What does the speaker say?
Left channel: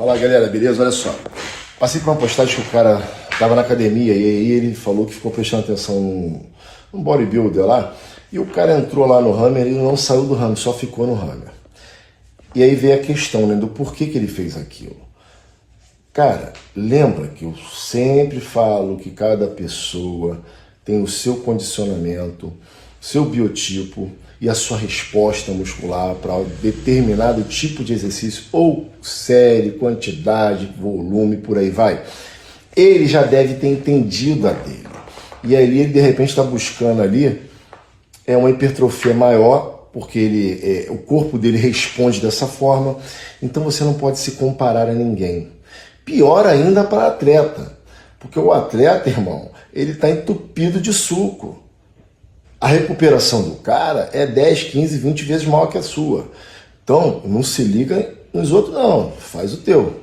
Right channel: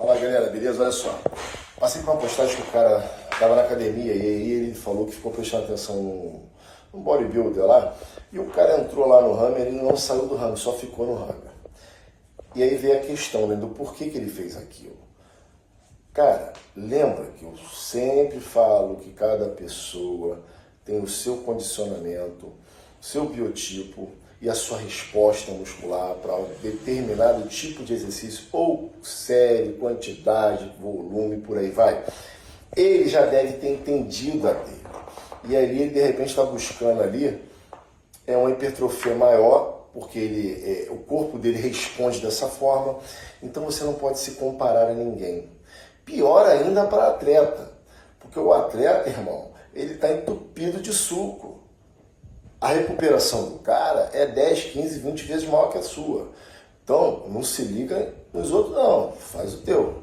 Fala galera, beleza? Olha só, passei por uma postagem que o cara tava na academia e aí ele falou que ficou prestando atenção num bodybuilder lá e o cara entrou lá no Hammer e não saiu do Hammer, só ficou no Hammer. E aí veio a questão, né, do porquê que ele fez aquilo. Cara, lembra que eu sempre falo que cada pessoa tem o seu condicionamento, seu biotipo e a sua resposta muscular para determinado tipo de exercício, ou série, quantidade, volume, por aí vai. Ele já deve ter entendido a dele. E aí ele de repente está buscando ali uma hipertrofia maior, porque o corpo dele responde dessa forma. Então você não pode se comparar a ninguém. Pior ainda para atleta, porque o atleta, irmão, ele está entupido de suco. A recuperação do cara é 10, 15, 20 vezes maior que a sua. Então, não se liga nos outros não, faz o teu.